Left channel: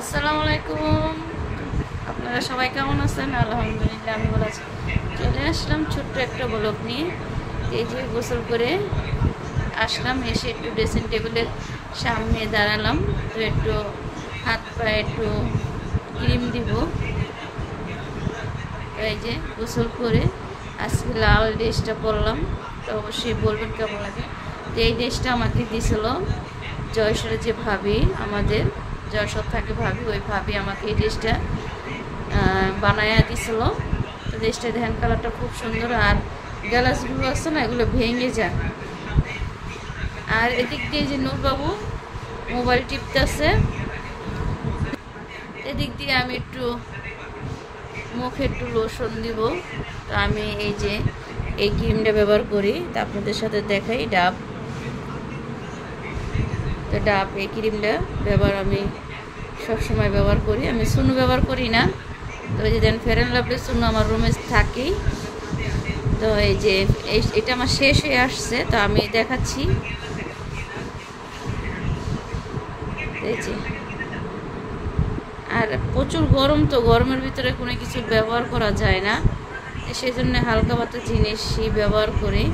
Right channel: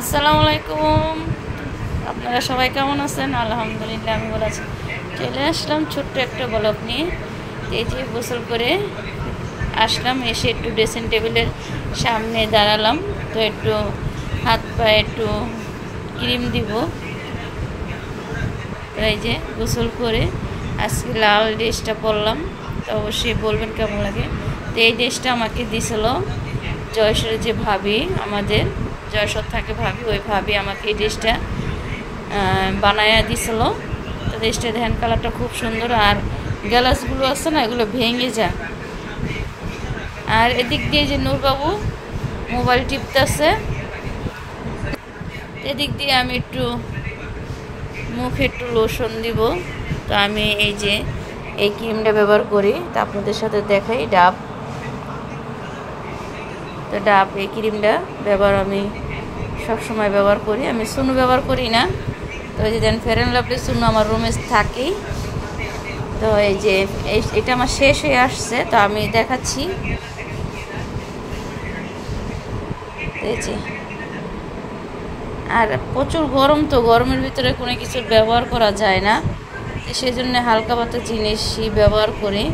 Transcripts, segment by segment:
আসসালামু আলাইকুম। আপনারা সবাই কেমন আছেন? আলহামদুলিল্লাহ আমি ভালো আছি। চলে আসলাম ছোট্ট একটা ব্লগ নিয়ে। এই যে গোসল করে আসলাম, এসে একটু ড্রেসিং টেবিলের সামনে দাঁড়ালাম। তো একটু হাত পায়ে একটু ক্রিম দিব। তো এই যে গোসল করে আজকে লাল ড্রেসটা পরলাম। তো অবশ্যই বলবেন কেমন লাগে। তো এই ড্রেসটা আমাকে দিয়েছিল জয়সরের যে ভাবি, আমাদের জয়সর থাকে ভাবি, ওই ভাবি আমাকে এই ড্রেসটা বানায়া দিছিল। তো ড্রেসটা দেখেন কালারটা খুব সুন্দর, আর গ্লাসগুলো আছে না, এগুলো ভেঙে যায়। আর এদিক দিয়ে যে নূরবাবু মোবাইল টিপতেছে, এদিক দিয়ে আমি একটু মুখে একটু লোশন দিব। তো আমি এই যে এই ক্রিমটা ব্যবহার করি, তো আপনাদের সাথে দেখাই। ডাব, তো ডাব এই ক্রিমটা আমি সবসময় ব্যবহার করি। আমি সুনু ব্যবহার করি না। তো এই যে দেন ফেয়ার অ্যান্ড লাভলি সুনু আমার রুমে থাকেই। তো এই যে এটা আমার শেষ হয়ে আসছে, তো আমি দেখাচ্ছি। এই যে আর প্রচুর গরম, তো গরমের ভিতরে কোনো কিছু ব্যবহার করা যায় না, সেই জন্য হালকা পাতলা জিনিসই ব্যবহার করি।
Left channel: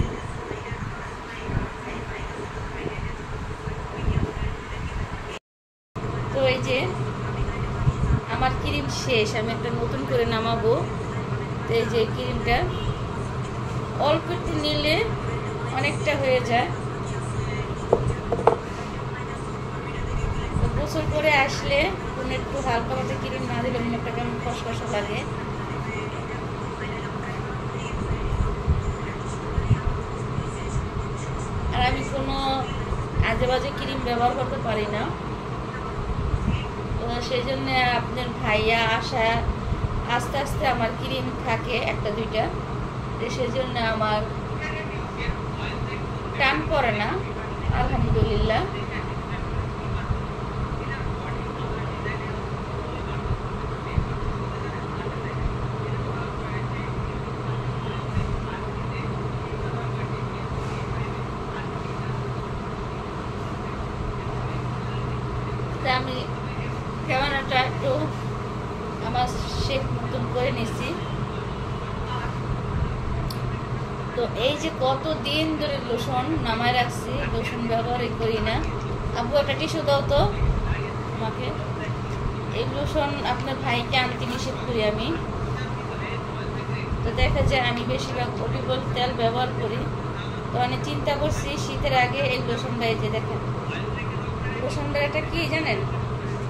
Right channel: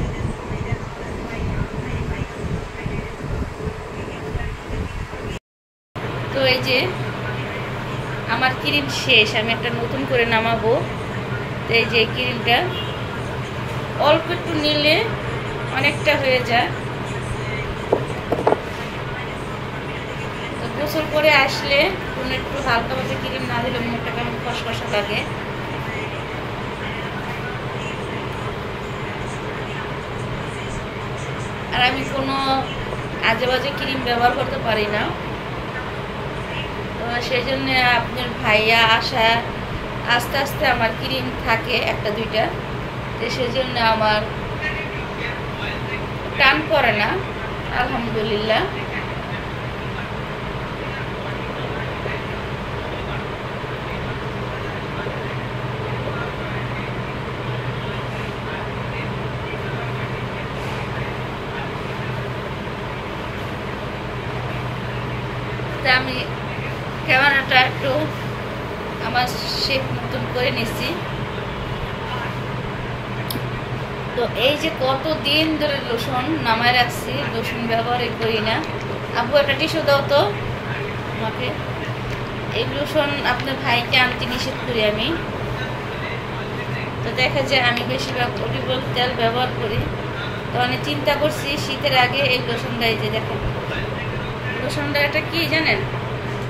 তো এই যে আমার ক্রিম শেষ, আমি একটা নতুন করে নামাবো। তো এই যে ক্রিমটা অল্প একটু নিলে অনেকটা হয়ে যায়। তো গোসল করে আসলে কোনো একটু হালকা পাতলা ক্রিম না দিলে মুখটা কেমন খসখসা লাগে। আর আমি কোনো আজে বাজে ক্রিম ব্যবহার করতে পারি না। তো সেই জন্য আপনার ভাইয়া আসা আস্তে আস্তে আমার ক্রিম থাকে একটা দুইটা, তো সেই জন্য আমার টান পড়ে না, আলহামদুলিল্লাহ। তা আমি ক্যামেরাটা একটু আমার শেপ মতন করে নিচ্ছি। তো এই যে কত দিন ধরে লোশন নামায় রাখছি, লোশন ব্যবহারই করি না। আব্বু একটা টিস্যু দাও তো আমাকে। এই লোশন আপনার ভাইকে আনতে নিষেধ করি আমি। তো দেখা যায় আমি বেশিরভাগ অলিভ অয়েল তেল ব্যবহার করি। তো আমি চিন্তা করছি শীতের আগে এই লোশনটা, এই যে দেখেন লোশনটা, এটা কি জানেন,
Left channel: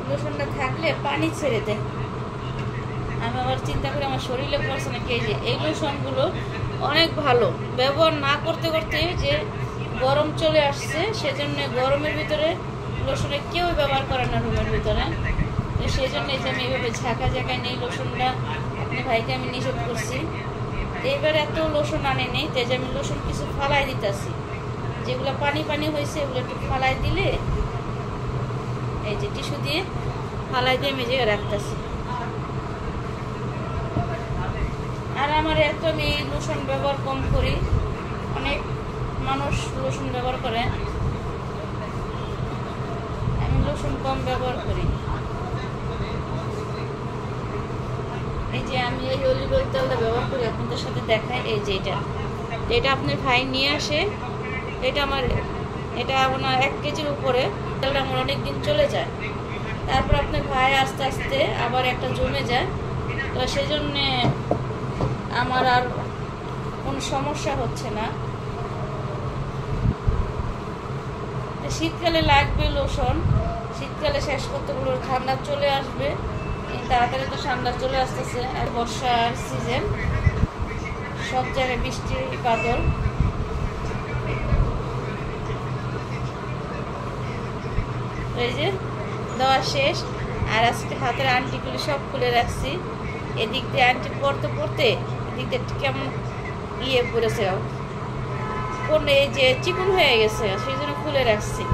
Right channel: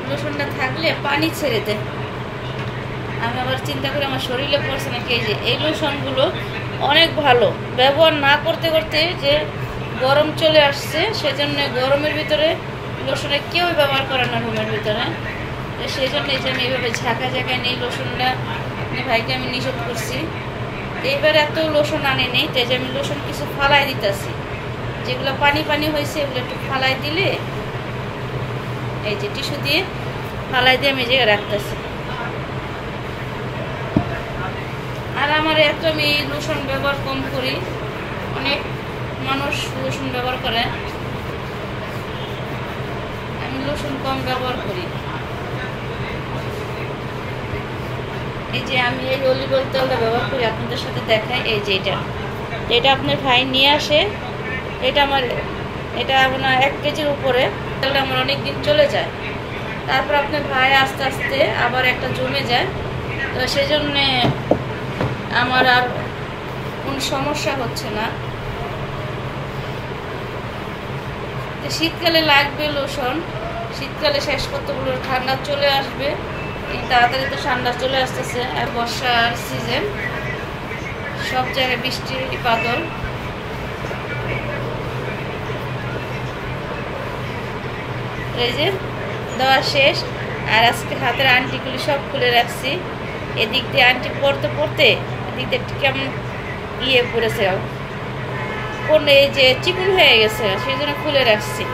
লোশনটা থাকলে পানি ছেড়ে দেয়। আমি আবার চিন্তা করি আমার শরীরে পড়ছে নাকি। এই যে এই লোশনগুলো অনেক ভালো, ব্যবহার না করতে করতে যে গরম চলে আসছে, সেজন্য গরমের ভিতরে লোশনে কেউ ব্যবহার করে না রুমের ভিতরে। তো সেই জন্য এই যে আমি এইভাবে ঝাঁকা ঝাঁকায় নেই লোশনটা, আপনি ভাইকে আমি নিষেধ করছি। এইবার এত লোশন আনে নেই, তাই যে আমি লোশন কিছু ফালাই দিতেছি, যেগুলো পানি পানি হয়েছে এগুলো একটু ফালাই দিলে, এই যে টিস্যু দিয়ে ফালাই দিয়ে আমি জায়গায় রাখতেছি। আর আমার এত আমি লোশন ব্যবহার কম করি, অনেক মানুষ লোশন ব্যবহার করে, আমি লোশন কম ব্যবহার করি। এই যে আমি এই অলিভ অয়েল তেলটা ব্যবহার করি, আপনাদের সাথে দেখাই। এই যে এটা আপনার ভাই নিয়ে আসে, এটা আমার আপনার 1 কেজির উপরে, তেলটা আমার অনেক দিন চলে যায়। তারপর আপনার ভাই আস্তে আস্তে আবার একটা জমে যায়। তো সেই জন্যে আমার আর কোনো সমস্যা হচ্ছে না। শীতকালে লাগবে লোশন, শীতকালে শেষ করতে বলবো, ঠান্ডা চলে আসবে তাড়াতাড়ি। তো ঠান্ডা চলে আসতেছে, আর বর্ষার সিজন, সব জায়গায় বৃষ্টির বাদল। এই যে দেওয়া শেষ, আর আজকে হাতের আংটিগুলি সব খুলে রাখছি। এদিক দিয়ে আংটি পরতে পরতে এদিক দিয়ে কেমন পড়েছে, কোন এই যে চিকন হয়ে গেছে, সেই জন্য খুলে রাখছি।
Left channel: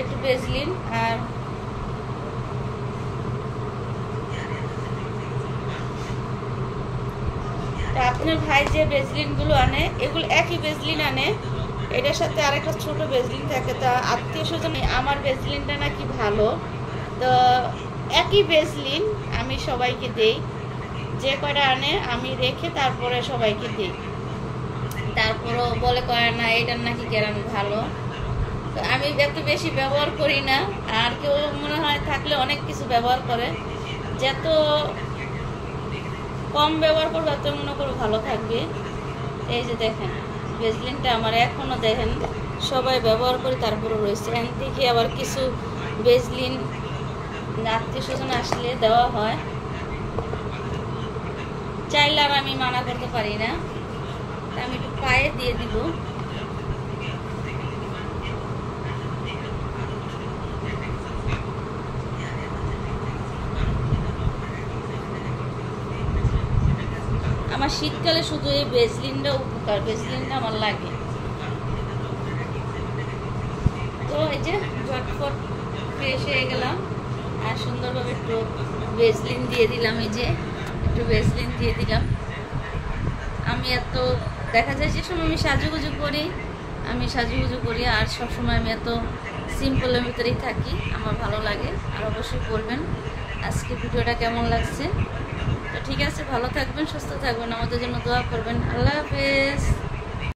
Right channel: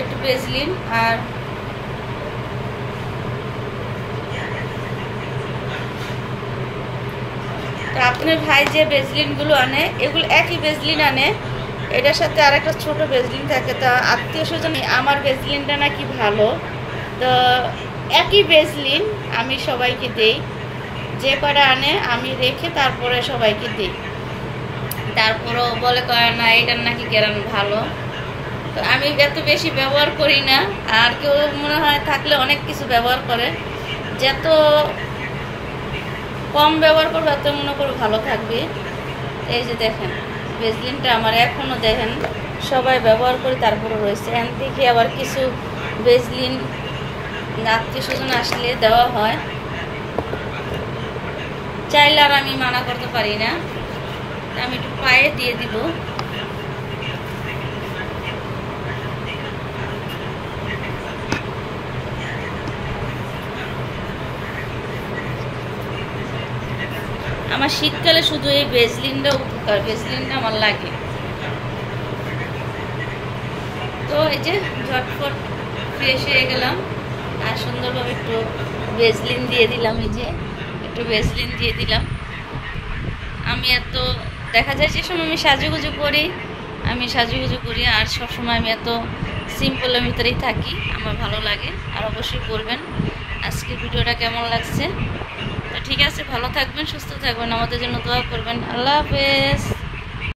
একটু ভেজলিন, আর আপনার ভাই যে ভেজলিনগুলো আনে, এগুলো একই ভেজলিন আনে, এটার সাথে আরেকটা ছোট ভেজলিন থাকে, তা আত্মীয় স্বজন আমার ভেজলিনটা নাকি ভালো, তো একই ভেজলিন আমি সবাইকে দিই, যে কটা আনে আমি রেখে তারপরে সবাইকে দিই। তারপরও বলে করে না এটার নাকি গ্যারান ভালো, তো আমি এত বেশি ব্যবহার করি না। আর কেউ মনে হয় থাকলে অনেক কিছু ব্যবহার করে, যত কম ব্যবহার করবে তত মনে করে ভালো থাকবে। এই যে দেখেন ভেজলিনটা আমার এখনও দেখেন সবাই ব্যবহার করি, তারপরে রয়েছে। এখান থেকে আবার কিছু ভেজলিন আত্মীয় স্বজন আসলে দেওয়া হয়, চাইলে আর আমি মানা করতে পারি না। আমি একটু পায়ে দিয়ে দিব। আমার শীতকালে শুধু এই ভেজলিনটা উপকার, ভেজলিনটা আমার লাগে। তো এই যে ঝটফট ফ্রেশ হয়ে গেলাম আর সুন্দরভাবে একটু ভেজলিন দিয়ে দিলাম। এই যে একটু ভেজলিন দিয়ে দিলাম। আমি এত দেখা যায় যে সময় আমি সাজুগুজু করি, আর সবসময় আমি এত সিম্পলের ভিতরেই থাকি, আমার ভালো লাগে। আর অবশ্যই বলবেন আজকের ভিডিওটা কেমন লাগছে। তো ঠিক আছে, ভালো থাকবেন, সুস্থ থাকবেন, আমাদের জন্য দোয়া করবেন। আল্লাহ হাফেজ।